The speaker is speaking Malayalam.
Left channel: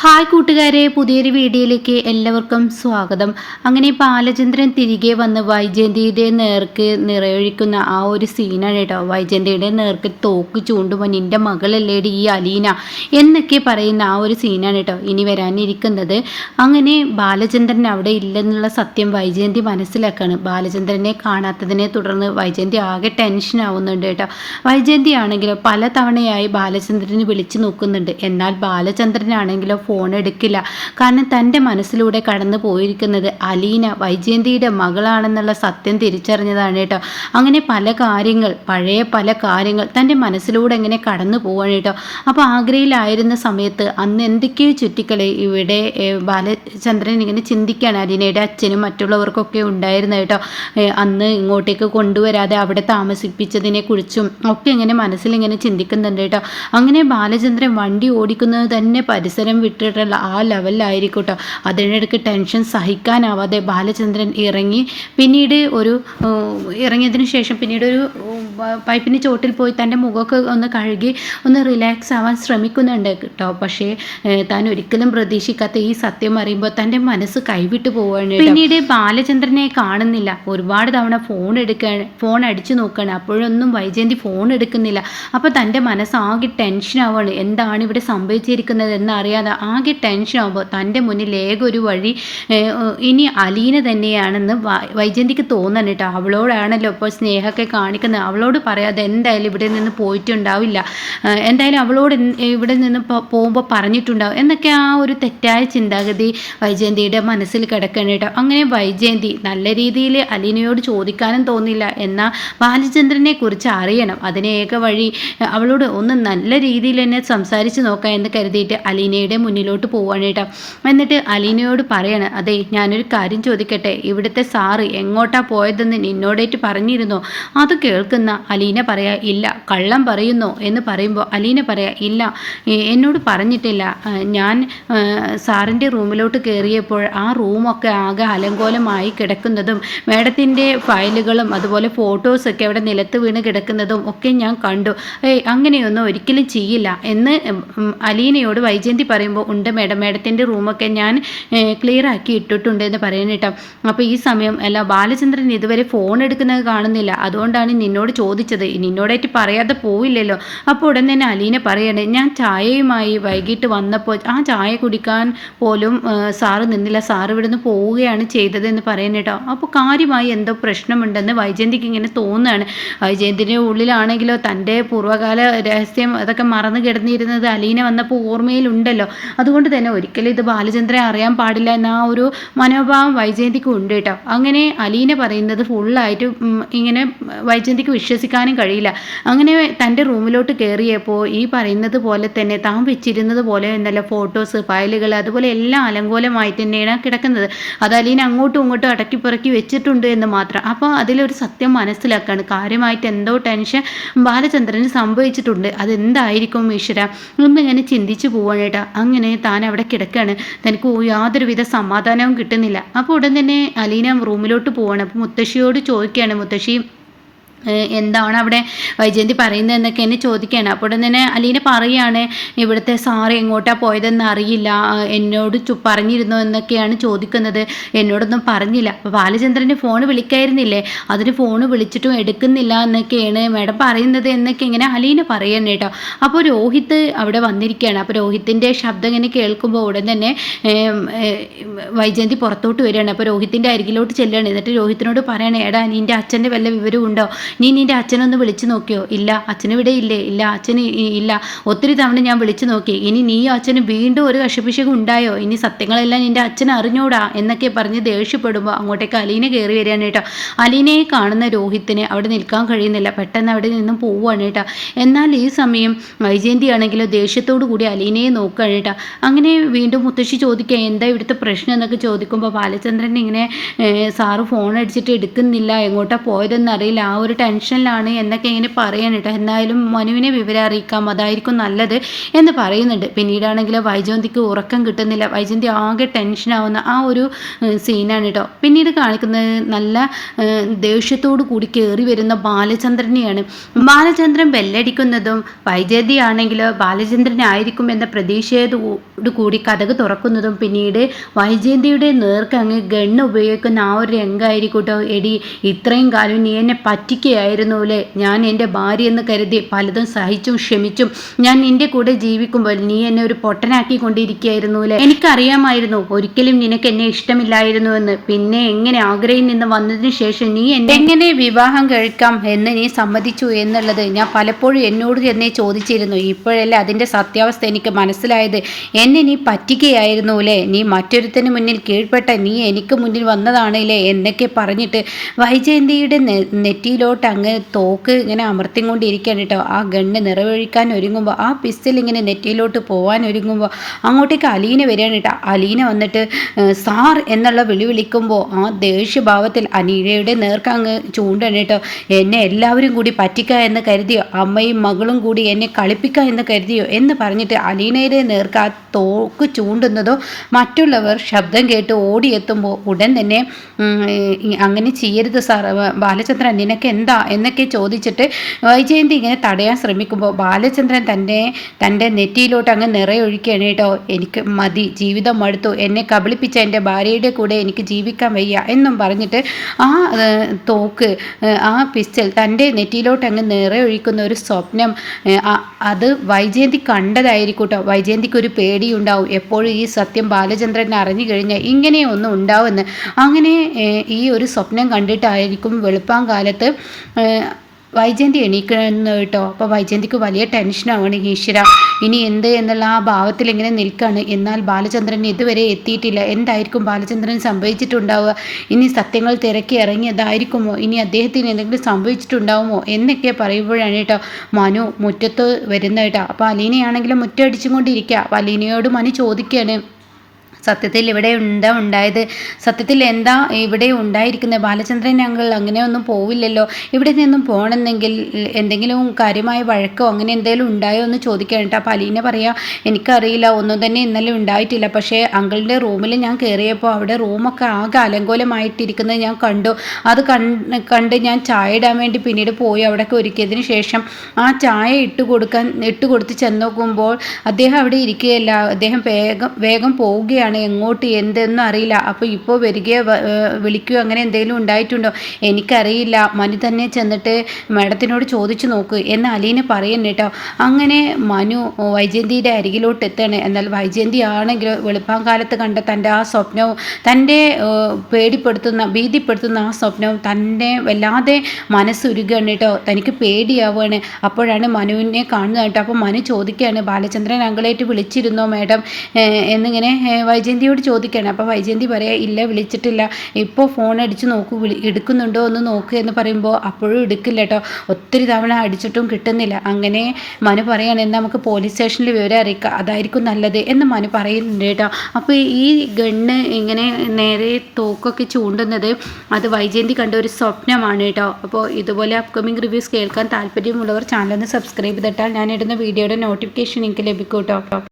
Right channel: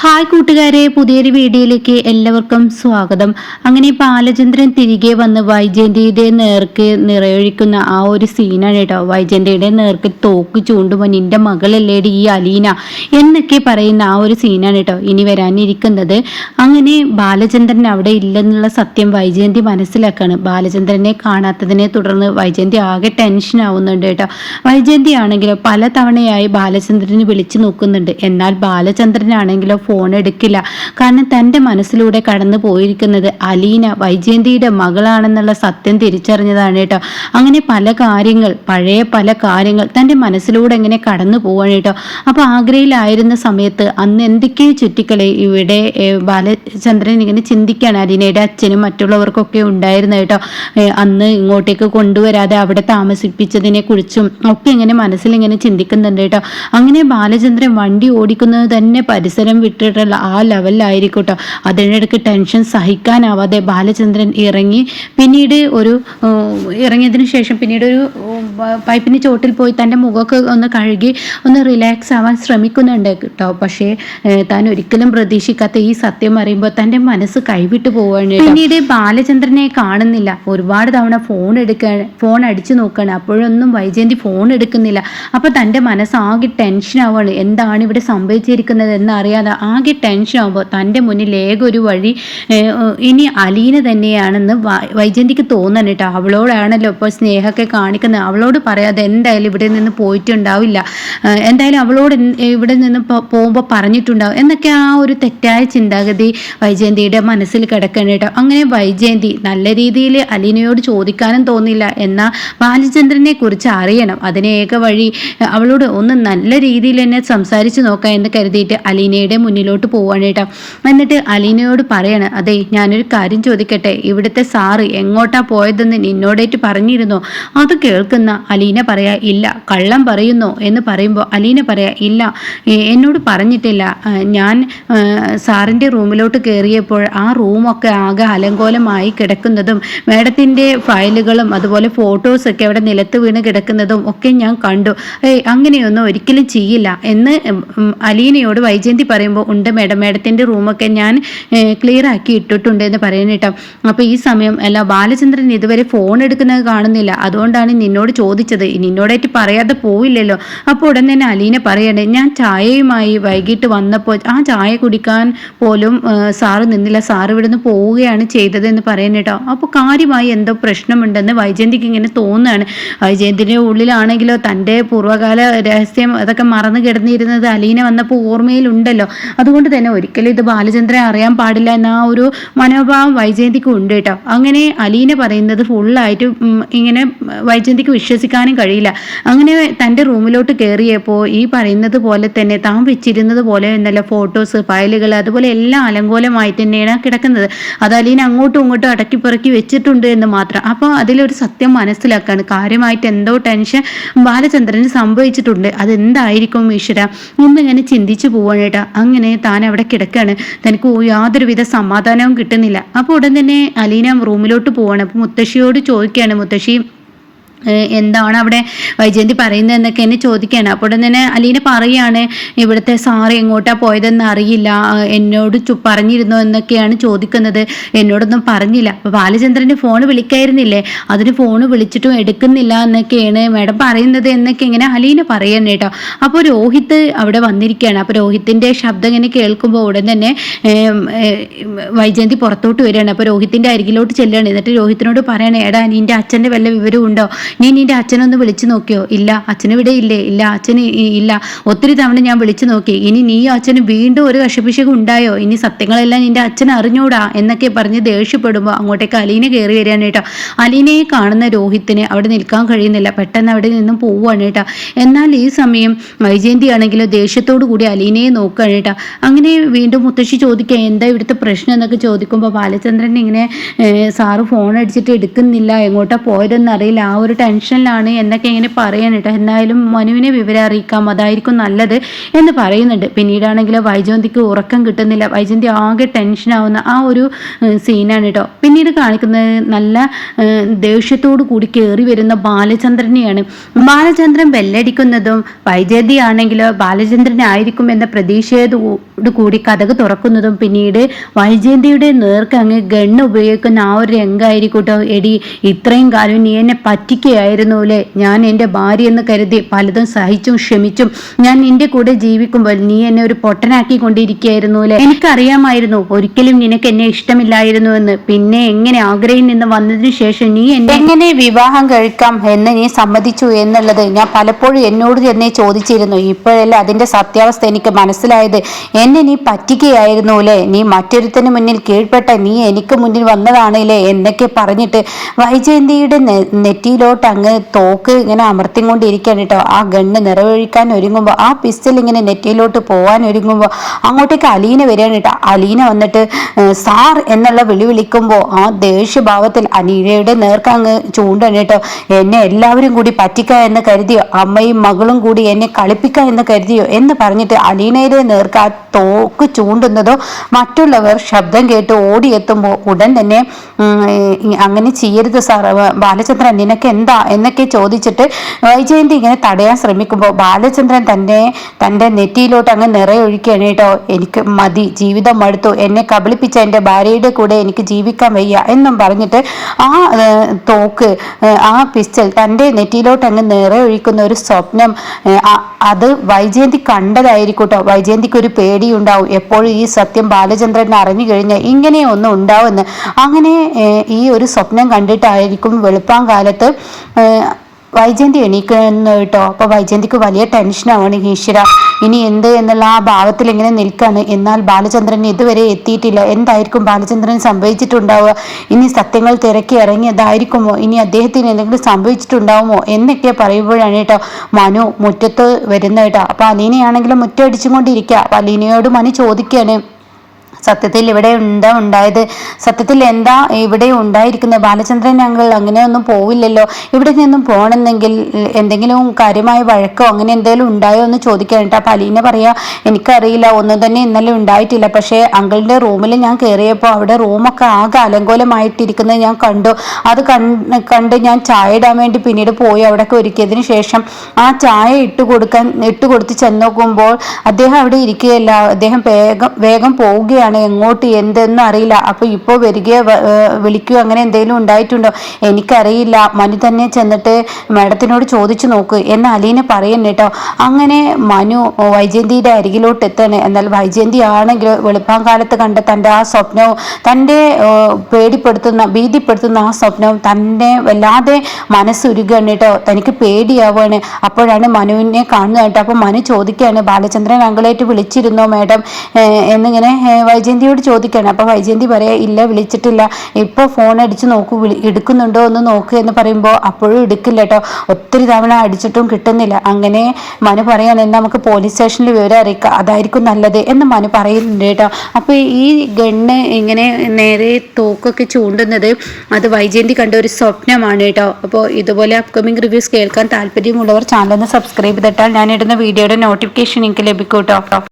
ഹായ് കൂട്ടുകാരെ പുതിയൊരു വീഡിയോയിലേക്ക് എല്ലാവർക്കും സ്വാഗതം. അങ്ങനെ ബാലചന്ദ്രൻ തിരികെ വന്ന് വൈജയന്തിയുടെ നേർക്ക് നിറയൊഴിക്കുന്ന ആ ഒരു സീനാണ് കേട്ടോ വൈജയന്തിയുടെ നേർക്ക് തോക്ക് ചൂണ്ടുമ്പോൾ നിന്റെ മകളല്ലേടി ഈ അലീന? എന്നൊക്കെ പറയുന്ന ആ ഒരു സീനാണ് കേട്ടോ ഇനി വരാനിരിക്കുന്നത്. അങ്ങനെ ബാലചന്ദ്രൻ അവിടെ ഇല്ലെന്നുള്ള സത്യം വൈജയന്തി മനസ്സിലാക്കാണ്. ബാലചന്ദ്രനെ കാണാത്തതിനെ തുടർന്ന് വൈജയന്തി ആകെ ടെൻഷൻ ആവുന്നുണ്ട് കേട്ടോ വൈജയന്തി ആണെങ്കിലോ പല തവണയായി ബാലചന്ദ്രനെ വിളിച്ചു നോക്കുന്നുണ്ട്. എന്നാൽ ബാലചന്ദ്രനാണെങ്കിലോ ഫോൺ എടുക്കില്ല. കാരണം തന്റെ മനസ്സിലൂടെ കടന്നു പോയിരിക്കുന്നത് അലീന വൈജയന്തിയുടെ മകളാണെന്നുള്ള സത്യം തിരിച്ചറിഞ്ഞതാണ് കേട്ടോ. അങ്ങനെ പല കാര്യങ്ങൾ പഴയ പല കാര്യങ്ങൾ തന്റെ മനസ്സിലൂടെ എങ്ങനെ കടന്നു പോവാണ് കേട്ടോ. അപ്പോൾ ആഗ്രയിലായിരുന്ന സമയത്ത് അന്ന് എന്തൊക്കെയോ ചുറ്റിക്കളി ഇവിടെ ബാലചന്ദ്രൻ ഇങ്ങനെ ചിന്തിക്കുകയാണ് അലീനയുടെ അച്ഛനും മറ്റുള്ളവർക്കൊക്കെ ഉണ്ടായിരുന്നു കേട്ടോ. അന്ന് ഇങ്ങോട്ടേക്ക് കൊണ്ടുവരാതെ അവിടെ താമസിപ്പിച്ചതിനെ കുറിച്ചും ഒക്കെ ഇങ്ങനെ മനസ്സിൽ ഇങ്ങനെ ചിന്തിക്കുന്നുണ്ട് കേട്ടോ. അങ്ങനെ ബാലചന്ദ്രൻ വണ്ടി ഓടിക്കുന്നത് തന്നെ പരിസരം വിട്ടിട്ടുള്ള ആ ലെവലിലായിരിക്കട്ടോ കേട്ടോ അതിനിടയ്ക്ക് ടെൻഷൻ സഹിക്കാനാവാതെ ബാലചന്ദ്രൻ ഇറങ്ങി. പിന്നീട് ഒരു ഇറങ്ങിയതിനു ശേഷം പിന്നീട് ഒരു ഉം, പ- പൈപ്പിന് ചോട്ടിൽ പോയി തന്റെ മുഖമൊക്കെ ഒന്ന് കഴുകി ഒന്ന് റിലാക്സ് ആവാൻ ശ്രമിക്കുന്നുണ്ട് കേട്ടോ. പക്ഷേ താൻ ഒരിക്കലും പ്രതീക്ഷിക്കാത്ത ഈ സത്യം അറിയുമ്പോൾ തന്റെ മനസ്സ് കൈവിട്ടു പോവുകയാണ്. പിന്നീട് ബാലചന്ദ്രനെ കാണുന്നില്ല. ഒരുപാട് തവണ ഫോൺ എടുക്കാൻ ഫോൺ അടിച്ചു നോക്കുകയാണ് അപ്പോഴൊന്നും വൈജയന്തി ഫോൺ എടുക്കുന്നില്ല. അപ്പോൾ തന്റെ മനസ്സ് ആകെ ടെൻഷൻ ആവുകയാണ് എന്താണ് ഇവിടെ സംഭവിച്ചിരിക്കുന്നത് എന്നറിയാതെ ആകെ ടെൻഷൻ ആവുമ്പോൾ തന്റെ മുന്നിൽ ഏക ഒരു വഴി ഇനി അലീന തന്നെയാണെന്ന് വൈജയന്തിക്ക് തോന്നണം കേട്ടോ. അവളോടാണല്ലോ ഇപ്പോൾ സ്നേഹമൊക്കെ കാണിക്കുന്നത്. അവളോട് പറയാതെ എന്തായാലും ഇവിടെ നിന്ന് പോയിട്ടുണ്ടാവില്ല. എന്തായാലും അവളോട് ഇവിടെ നിന്ന് പോകുമ്പോൾ പറഞ്ഞിട്ടുണ്ടാവും. എന്നൊക്കെ ആ ഒരു തെറ്റായ ചിന്താഗതി വൈജയന്തിയുടെ മനസ്സിൽ കിടക്കണം കേട്ടോ. അങ്ങനെ വൈജയന്തി നല്ല രീതിയിൽ അലീനയോട് ചോദിക്കാനും തോന്നില്ല. എന്നാൽ ബാലചന്ദ്രനെ കുറിച്ച് അറിയണം. അതിനേക വഴി അവളോട് ഒന്ന് നല്ല രീതിയിൽ തന്നെ സംസാരിച്ച് നോക്കാം എന്ന് കരുതിയിട്ട് അലീനയുടെ മുന്നിലോട്ട് പോവാണ് കേട്ടോ. എന്നിട്ട് അലീനയോട് പറയണം അതെ ഞാനൊരു കാര്യം ചോദിക്കട്ടെ. ഇവിടുത്തെ സാറ് എങ്ങോട്ടാ പോയതെന്ന് നിന്നോടേറ്റ് പറഞ്ഞിരുന്നോ? അത് കേൾക്കുന്ന അലീന പറയാ ഇല്ല കള്ളം പറയുന്നു എന്ന് പറയുമ്പോൾ അലീന പറയാ ഇല്ല എന്നോട് പറഞ്ഞിട്ടില്ല. ഞാൻ സാറിന്റെ റൂമിലോട്ട് കയറിയപ്പോൾ ആ റൂമൊക്കെ ആകെ അലങ്കോലമായി കിടക്കുന്നതും മേഡത്തിന്റെ ഫയലുകളും അതുപോലെ ഫോട്ടോസൊക്കെ അവിടെ നിലത്ത് വീണ് കിടക്കുന്നതും ഒക്കെ ഞാൻ കണ്ടു. ഏയ് അങ്ങനെയൊന്നും ഒരിക്കലും ചെയ്യില്ല എന്ന് അലീനയോട് വൈജയന്തി പറയുമ്പോൾ ഉണ്ട് മേഡം മേഡത്തിന്റെ റൂമൊക്കെ ഞാൻ ക്ലിയർ ആക്കി ഇട്ടിട്ടുണ്ട് എന്ന് പറയുന്നിട്ടോ അപ്പോൾ ഈ സമയം അല്ല ബാലചന്ദ്രൻ ഇതുവരെ ഫോൺ എടുക്കുന്നത് കാണുന്നില്ല. അതുകൊണ്ടാണ് നിന്നോട് ചോദിച്ചത് നിന്നോടായിട്ട് പറയാതെ പോയില്ലല്ലോ അപ്പോൾ ഉടൻ തന്നെ അലീന പറയണേ ഞാൻ ചായയുമായി വൈകിട്ട് വന്നപ്പോൾ ആ ചായ കുടിക്കാൻ പോലും സാറ് നിന്നില്ല. സാറ് ഇവിടുന്ന് പോവുകയാണ് ചെയ്തതെന്ന് പറയുന്നത് കേട്ടോ. അപ്പോൾ കാര്യമായി എന്തോ പ്രശ്നമുണ്ടെന്ന് വൈജയന്തിക്ക് ഇങ്ങനെ തോന്നുകയാണ്. വൈജയന്തിന്റെ ഉള്ളിലാണെങ്കിലോ തന്റെ പൂർവകാല രഹസ്യം അതൊക്കെ മറന്നു കിടന്നിരുന്നത് അലീന വന്നപ്പോൾ ഓർമ്മയിലുണ്ടല്ലോ. അതുകൊണ്ട് തന്നെ ഒരിക്കലും ഇത് ബാലചന്ദ്രൻ അറിയാൻ പാടില്ല എന്ന ആ ഒരു മനോഭാവം വൈജയന്തിക്ക് ഉണ്ട് കേട്ടോ. അങ്ങനെ അലീന പറയുന്നത് ഫുള്ളായിട്ട് ഇങ്ങനെ വൈജയന്തിക്ക് വിശ്വസിക്കാനും കഴിയില്ല. അങ്ങനെ തന്റെ റൂമിലോട്ട് കയറിയപ്പോൾ ഈ പറയുന്നത് പോലെ തന്നെ താൻ വെച്ചിരുന്നത് പോലെ എന്നല്ല ഫോട്ടോസ് ഫയലുകൾ അതുപോലെ എല്ലാം അലങ്കോലമായി തന്നെയാണ് കിടക്കുന്നത്. അത് അലീന അങ്ങോട്ടും ഇങ്ങോട്ടും അടക്കി പിറക്കി വെച്ചിട്ടുണ്ട് എന്ന് മാത്രം. അപ്പോൾ അതിലൊരു സത്യം മനസ്സിലാക്കാണ്. കാര്യമായിട്ട് എന്തോ ടെൻഷൻ ബാലചന്ദ്രന് സംഭവിച്ചിട്ടുണ്ട്. അതെന്തായിരിക്കും ഈശ്വര? ഒന്നിങ്ങനെ ചിന്തിച്ചു പോവാണ് കേട്ടോ അങ്ങനെ താൻ അവിടെ കിടക്കാണ്. തനിക്ക് യാതൊരുവിധ സമാധാനവും കിട്ടുന്നില്ല. അപ്പോൾ ഉടൻ തന്നെ അലീന റൂമിലോട്ട് പോവാണ്. അപ്പോൾ മുത്തശ്ശിയോട് ചോദിക്കുകയാണ് മുത്തശ്ശി എന്താണ് അവിടെ വൈജയന്തി പറയുന്നത് എന്നൊക്കെ എന്നെ ചോദിക്കുകയാണ്. അപ്പോൾ തന്നെ അലീന പറയാണ് ഇവിടുത്തെ സാറ് എങ്ങോട്ടാ പോയതെന്ന് അറിയില്ല. എന്നോട് പറഞ്ഞിരുന്നോ എന്നൊക്കെയാണ് ചോദിക്കുന്നത്. എന്നോടൊന്നും പറഞ്ഞില്ല. അപ്പോൾ ബാലചന്ദ്രന് ഫോൺ വിളിക്കായിരുന്നില്ലേ? അതിന് ഫോൺ വിളിച്ചിട്ടും എടുക്കുന്നില്ല എന്നൊക്കെയാണ് മാഡം പറയുന്നത് എന്നൊക്കെ ഇങ്ങനെ അലീന പറയണേ കേട്ടോ. അപ്പോൾ രോഹിത് അവിടെ വന്നിരിക്കുകയാണ്. അപ്പോൾ രോഹിത്തിന്റെ ശബ്ദം ഇങ്ങനെ കേൾക്കുമ്പോൾ ഉടൻ തന്നെ വൈജയന്തി പുറത്തോട്ട് വരികയാണ്. അപ്പോൾ രോഹിത്തിന്റെ അരികിലോട്ട് ചെല്ലുകയാണ്. എന്നിട്ട് രോഹിത്തിനോട് പറയണേ എടാ നിന്റെ അച്ഛന്റെ വല്ല വിവരവും ഉണ്ടോ? നീ നിന്റെ അച്ഛനൊന്ന് വിളിച്ചു നോക്കിയോ? ഇല്ല അച്ഛന് ഇവിടെ ഇല്ലേ? ഇല്ല അച്ഛന് ഇല്ല. ഒത്തിരി തവണ ഞാൻ വിളിച്ചു നോക്കി. ഇനി നീ അച്ഛന് വീണ്ടും ഒരു കശപിശകം ഉണ്ടായോ? ഇനി സത്യങ്ങളെല്ലാം നിന്റെ അച്ഛൻ അറിഞ്ഞൂടാ? എന്നൊക്കെ പറഞ്ഞ് ദേഷ്യപ്പെടുമ്പോൾ അങ്ങോട്ടേക്ക് അലീന കയറി വരികയാണ് കേട്ടോ. അലീനയെ കാണുന്ന രോഹിത്തിന് അവിടെ നിൽക്കാൻ കഴിയുന്നില്ല. പെട്ടെന്ന് അവിടെ നിന്നും പോവുകയാണ് കേട്ടോ. എന്നാൽ ഈ സമയം വൈജയന്തി ആണെങ്കിലും ദേഷ്യത്തോടു കൂടി അലീനയെ നോക്കുകയാണ് കേട്ടോ. അങ്ങനെ വീണ്ടും മുത്തശ്ശി ചോദിക്കുക എന്താ ഇവിടുത്തെ പ്രശ്നം? എന്നൊക്കെ ചോദിക്കുമ്പോൾ ബാലചന്ദ്രൻ ഇങ്ങനെ സാറ് ഫോൺ അടിച്ചിട്ട് എടുക്കുന്നില്ല. എങ്ങോട്ടാ പോയതെന്ന് അറിയില്ല. ആ ഒരു ടെൻഷനിലാണ് എന്നൊക്കെ ഇങ്ങനെ പറയാൻ കേട്ടോ. എന്നാലും മനുവിനെ വിവരം അറിയിക്കാം. അതായിരിക്കും നല്ലത് എന്ന് പറയുന്നുണ്ട്. പിന്നീടാണെങ്കിൽ വൈജയന്തിക്ക് ഉറക്കം കിട്ടുന്നില്ല. വൈജയന്തി ആകെ ടെൻഷനാവുന്ന ആ ഒരു സീനാണ് കേട്ടോ. പിന്നീട് കാണിക്കുന്നത് നല്ല ദേഷ്യത്തോടു കൂടി കയറി വരുന്ന ബാലചന്ദ്രനെയാണ്. ബാലചന്ദ്രൻ ബെല്ലടിക്കുന്നതും വൈജയന്തി ആണെങ്കിൽ ബാലചന്ദ്രനായിരിക്കും എന്ന പ്രതീക്ഷയോടു കൂടി കഥക് തുറക്കുന്നതും പിന്നീട് വൈജയന്തിയുടെ നേർക്ക് അങ്ങ് ഗണ്ണ് ഉപയോഗിക്കുന്ന ആ ഒരു രംഗമായിരിക്കും കേട്ടോ. എടി ഇത്രയും കാലം നീ എന്നെ പറ്റിക്കുകയായിരുന്നു അല്ലേ? ഞാൻ എന്റെ ഭാര്യ എന്ന് കരുതി പലതും സഹിച്ചും ക്ഷമിച്ചും ഞാൻ നിന്റെ കൂടെ ജീവിക്കുമ്പോൾ നീ എന്നെ ഒരു പൊട്ടനാക്കി കൊണ്ടിരിക്കുകയായിരുന്നു അല്ലേ? എനിക്കറിയാമായിരുന്നു ഒരിക്കലും നിനക്ക് എന്നെ ഇഷ്ടമില്ലായിരുന്നു എന്ന്. പിന്നെ എങ്ങനെ ആഗ്രയിൽ നിന്ന് വന്നതിന് ശേഷം നീ എന്നെ എങ്ങനെ വിവാഹം കഴിക്കാം എന്ന് നീ സമ്മതിച്ചു എന്നുള്ളത് ഞാൻ പലപ്പോഴും എന്നോട് തന്നെ ചോദിച്ചിരുന്നു. ഇപ്പോഴല്ലേ അതിന്റെ സത്യാവസ്ഥ എനിക്ക് മനസ്സിലായത്. എന്നെ നീ പറ്റിക്കുകയായിരുന്നു അല്ലേ? നീ മറ്റൊരുത്തിന് മുന്നിൽ കീഴ്പ്പെട്ട നീ എനിക്ക് മുന്നിൽ വന്നതാണല്ലേ എന്നൊക്കെ പറഞ്ഞിട്ട് വൈജയന്തിയുടെ നെറ്റിയിലോട്ട് അങ്ങ് തോക്ക് ഇങ്ങനെ അമർത്തിക്കൊണ്ടിരിക്കുകയാണ് കേട്ടോ. ആ ഗണ്ണ് നിറവൊഴിക്കാൻ ഒരുങ്ങുമ്പോൾ ആ പിസ്റ്റൽ ഇങ്ങനെ നെറ്റിയിലോട്ട് പോകാൻ ഒരുങ്ങുമ്പോൾ അങ്ങോട്ടേക്ക് അലീന വരികയാണ് കേട്ടോ. അലീന വന്നിട്ട് സാർ എന്നുള്ള വിളി വിളിക്കുമ്പോൾ ആ ദേഷ്യഭാവത്തിൽ അലീനയുടെ നേർക്ക് അങ്ങ് ചൂണ്ടാണ് കേട്ടോ. എന്നെ എല്ലാവരും കൂടി പറ്റിക്ക എന്ന് കരുതിയോ? അമ്മയും മകളും കൂടി എന്നെ കളിപ്പിക്ക എന്ന് കരുതിയോ? എന്ന് പറഞ്ഞിട്ട് അലീനയുടെ നേർക്ക് ആ തോക്ക് ചൂണ്ടുന്നതോ മറ്റുള്ളവർ ശബ്ദം കേട്ട് ഓടിയെത്തുമ്പോൾ ഉടൻ തന്നെ അങ്ങനെ ചെയ്യരുത് സാർ. ബാലചന്ദ്രൻ നിനക്ക് എന്താ എന്നൊക്കെ ചോദിച്ചിട്ട് വൈജയന്തി ഇങ്ങനെ തടയാൻ ശ്രമിക്കുമ്പോൾ ബാലചന്ദ്രൻ തന്നെ തന്റെ നെറ്റിയിലോട്ട് അങ്ങ് നിറയൊഴിക്കുകയാണ് കേട്ടോ. എനിക്ക് മതി ജീവിതം മടുത്തു എന്നെ കബളിപ്പിച്ച എന്റെ ഭാര്യയുടെ കൂടെ എനിക്ക് ജീവിക്കാൻ വയ്യ എന്നും പറഞ്ഞിട്ട് ആ തോക്ക് ആ പിസ്റ്റൽ തന്റെ നെറ്റിയിലോട്ട് അങ്ങ് നിറയൊഴിക്കുന്ന ഒരു സ്വപ്നം അത് വൈജയന്തി കണ്ടതായിരിക്കും കേട്ടോ വൈജയന്തിക്ക് ഒരു പേടിയുണ്ടാവും. എപ്പോഴും ഈ സത്യം ബാലചന്ദ്രൻ അറിഞ്ഞു കഴിഞ്ഞാൽ ഇങ്ങനെയൊന്നും ഉണ്ടാവുമെന്ന്. അങ്ങനെ ഈ ഒരു സ്വപ്നം കണ്ടിട്ടായിരിക്കും വെളുപ്പാങ്കാലത്ത് വൈജയന്തി എണീക്കുന്നു കേട്ടോ. അപ്പൊ വൈജയന്തിക്ക് വലിയ ടെൻഷനാണ് ഈശ്വര. ഇനി എന്ത് എന്നുള്ള ആ ഭാവത്തിൽ ഇങ്ങനെ നിൽക്കാണ്. എന്നാൽ ബാലചന്ദ്രൻ ഇതുവരെ എത്തിയിട്ടില്ല. എന്തായിരിക്കും ബാലചന്ദ്രൻ സംഭവിച്ചിട്ടുണ്ടാവുക? ഇനി സത്യങ്ങൾ തിരക്കി ഇറങ്ങിയതായിരിക്കുമോ ഇനി അദ്ദേഹത്തിന് എന്തെങ്കിലും സംഭവിച്ചിട്ടുണ്ടാവുമോ? എന്നൊക്കെ പറയുമ്പോഴാണ് കേട്ടോ മനു മുറ്റത്ത് വരുന്ന കേട്ടോ. അപ്പൊ അലീനയാണെങ്കിലും മുറ്റടിച്ചുകൊണ്ടിരിക്കുക. അപ്പൊ അലീനയോട് മനു ചോദിക്കുകയാണ്. സത്യത്തിൽ ഇവിടെ എന്താ ഉണ്ടായത്? സത്യത്തിൽ എന്താ ഇവിടെ ഉണ്ടായിരിക്കുന്നത്? ബാലചന്ദ്രൻ ഞങ്ങൾ അങ്ങനെയൊന്നും പോവില്ലല്ലോ. ഇവിടെ നിന്നും പോകണമെന്നെങ്കിൽ എന്തെങ്കിലും കാര്യമായ വഴക്കോ അങ്ങനെ എന്തെങ്കിലും ഉണ്ടായോ എന്ന് ചോദിക്കാൻ കേട്ടോ. അപ്പം അലീന പറയാ എനിക്കറിയില്ല ഒന്നും തന്നെ ഇന്നലെ ഉണ്ടായിട്ടില്ല. പക്ഷേ അങ്കിളിന്റെ റൂമിൽ ഞാൻ കയറിയപ്പോൾ അവിടെ റൂമൊക്കെ ആകെ അലങ്കോലമായിട്ടിരിക്കുന്നത് ഞാൻ കണ്ടു. അത് കണ്ട് ഞാൻ ചായ ഇടാൻ വേണ്ടി പിന്നീട് പോയി അവിടെയൊക്കെ ഒരുക്കിയതിന് ശേഷം ആ ചായ ഇട്ട് കൊടുക്കാൻ ഇട്ട് കൊടുത്ത് ചെന്ന് നോക്കുമ്പോൾ അദ്ദേഹം അവിടെ ഇരിക്കുകയല്ല. അദ്ദേഹം വേഗം വേഗം പോവുകയാണ് എങ്ങോട്ട് എന്തെന്നും അറിയില്ല. അപ്പോൾ ഇപ്പോൾ വരികയോ വിളിക്കുകയോ അങ്ങനെ എന്തെങ്കിലും ഉണ്ടായിട്ടുണ്ടോ? എനിക്കറിയില്ല. മനു തന്നെ ചെന്നിട്ട് മാഡത്തിനോട് ചോദിച്ചു നോക്ക്. എന്ന് അലീന പറയുന്നു കേട്ടോ. അങ്ങനെ മനു വൈജയന്തിയുടെ അരികിലോട്ട് എത്താണ്. എന്നാൽ വൈജയന്തി ആണെങ്കിൽ വെളുപ്പാങ്കാലത്ത് കണ്ട തന്റെ ആ സ്വപ്നവും തന്റെ പേടിപ്പെടുത്തുന്ന ഭീതിപ്പെടുത്തുന്ന ആ സ്വപ്നവും തന്നെ വല്ലാതെ മനസ്സുരുകയാണ് കേട്ടോ. തനിക്ക് പേടിയാവുകയാണ്. അപ്പോഴാണ് മനുവിനെ കാണുന്നത് കേട്ടോ. അപ്പോൾ മനു ചോദിക്കുകയാണ് ബാലചന്ദ്രൻ അങ്കിളേറ്റ് വിളിച്ചിരുന്നോ മാഡം? എന്നിങ്ങനെ വൈജയന്തിയോട് ചോദിക്കുകയാണ്. അപ്പോൾ വൈജയന്തി പറയാ ഇല്ല വിളിച്ചിട്ടില്ല. ഇപ്പോൾ ഫോൺ അടിച്ച് നോക്കൂ എടുക്കുന്നുണ്ടോ എന്ന് നോക്ക് എന്ന് പറയുമ്പോൾ അപ്പോഴും എടുക്കില്ല കേട്ടോ ഒത്തിരി തവണ അടിച്ചിട്ടും കിട്ടുന്നില്ല. അങ്ങനെ മനു പറയാണ് നമുക്ക് പോലീസ് സ്റ്റേഷനിൽ വിവരം അറിയിക്കുക അതായിരിക്കും നല്ലത് എന്ന് മനു പറയുന്നുണ്ട് കേട്ടോ. അപ്പോൾ ഈ ഗണ്ണ് ഇങ്ങനെ നേരെ തോക്കൊക്കെ ചൂണ്ടുന്നത് അത് വൈജയന്തി കണ്ട ഒരു സ്വപ്നമാണ് കേട്ടോ. അപ്പോൾ ഇതുപോലെ അപ്കമിങ് റിവ്യൂസ് കേൾക്കാൻ താല്പര്യമുള്ളവർ ചാനലൊന്ന് സബ്സ്ക്രൈബ് ചെയ്തിട്ടാൽ ഞാൻ ഇടുന്ന വീഡിയോയുടെ നോട്ടിഫിക്കേഷൻ എനിക്ക് ലഭിക്കും കേട്ടോ.